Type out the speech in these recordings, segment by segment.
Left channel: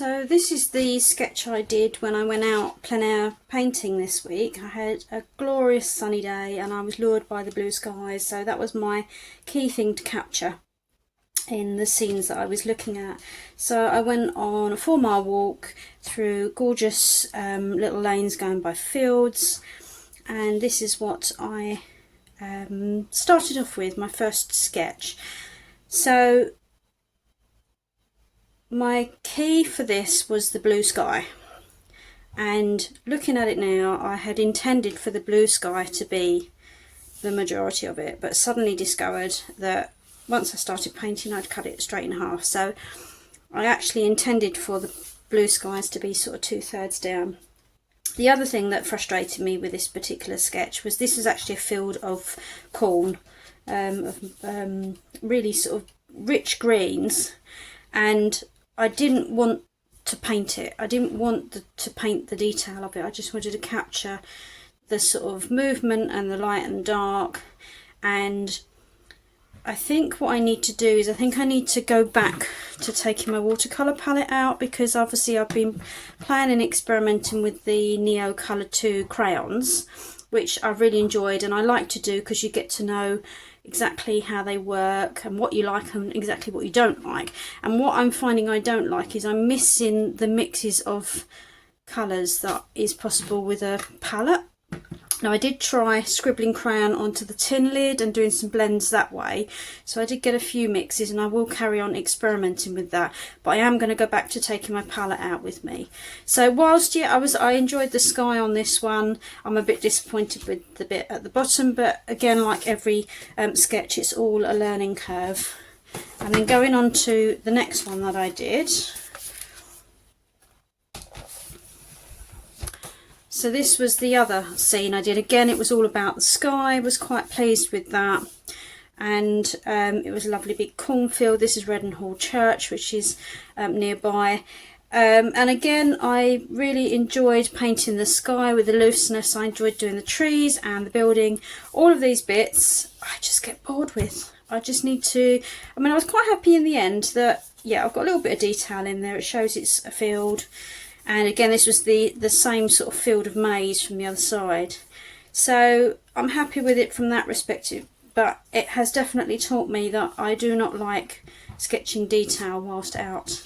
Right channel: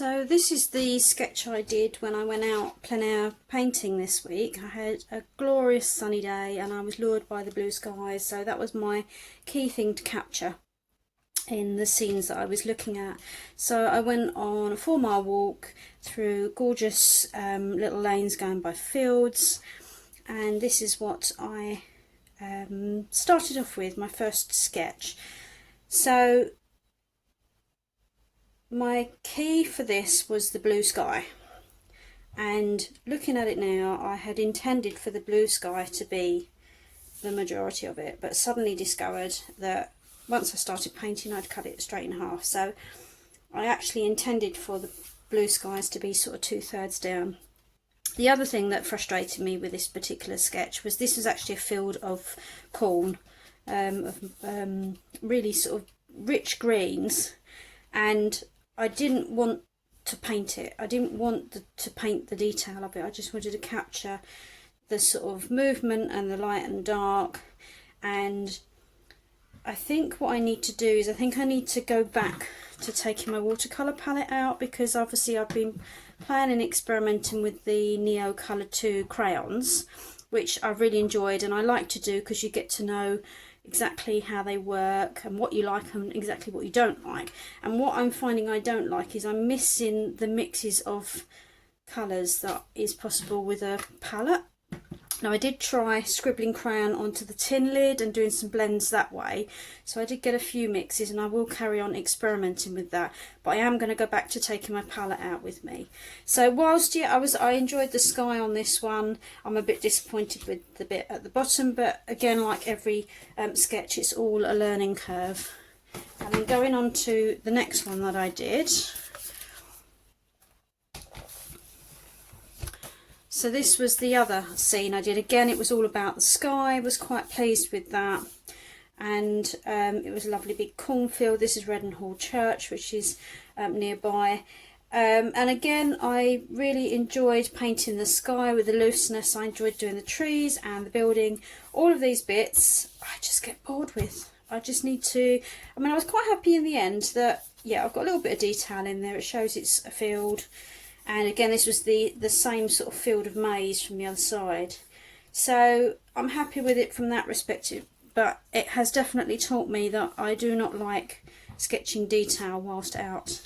So this is the sketch I did when I went out plein air painting this week. I had a glorious sunny day and I was lured by the blue skies, so that was my key thing to capture in the scenes that I was looking at. So I went on a 4-mile walk through gorgeous little lanes going by fields, and this is what I started off with, my first sketch. So my key for this was the blue sky, and looking at it now, I had intended for the blue sky to be the majority of it, but suddenly discovered that once I started painting I'd cut it straight in half. So I actually intended for the blue skies to be sort of 2/3 down. The other thing that frustrated me with this particular sketch was this was actually a field of corn, really sort of rich greens, and I didn't want to paint it. I didn't want to paint the detail of it. I just wanted to capture the sort of movement and the light and dark. And I think what I need to do is I need to go back to taking my watercolour palette out, because obviously I've been playing and experimenting with the Neo Colour 2 crayons, which I've really enjoyed and I like to do because you get to know exactly how they work and what you like and exactly what you don't like. And what I'm finding I don't like is I'm missing the mixes of colours that is possible with a palette. Now I did try scribbling crayon onto the tin lid and doing some blends that way, so I did get a few mixes and I will carry on experimenting with that, but I am going to go back to taking my palette out with me. So whilst I enjoyed the sky on this one, I'm a bit disappointed with the bit at the bottom, but again, like every sketch, it's all a learning curve. And then going on to the next one that I did. So this was the other scene I did. Again, it was all about the sky. I was quite pleased with that. And it was a lovely big cornfield. This is Redenhall Church, which is nearby. And again, I really enjoyed painting the sky with the looseness. I enjoyed doing the trees and the building. All of these bits, I just get bored with. I just need to... I mean, I was quite happy in the end that, yeah, I've got a little bit of detail in there. It shows it's a field. And again, this was the same sort of field of maize from the other side. So I'm happy with it from that perspective, but it has definitely taught me that I do not like sketching detail whilst out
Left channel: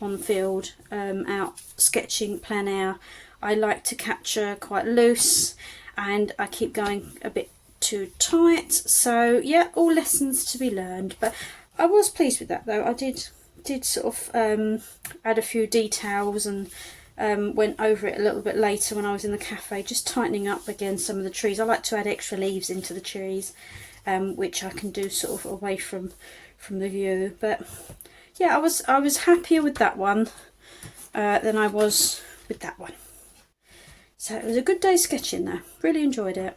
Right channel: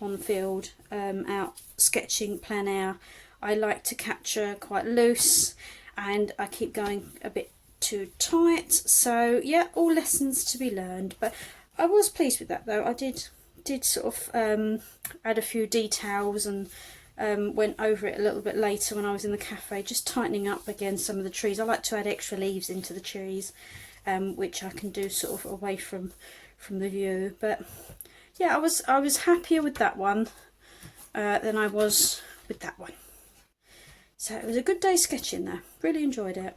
on the field, out sketching plein air. I like to capture quite loose, and I keep going a bit too tight. So yeah, all lessons to be learned, but I was pleased with that though. I did sort of add a few details and went over it a little bit later when I was in the cafe, just tightening up again some of the trees. I like to add extra leaves into the trees, which I can do sort of away from the view. But yeah, I was happier with that one than I was with that one. So it was a good day sketching though. Really enjoyed it.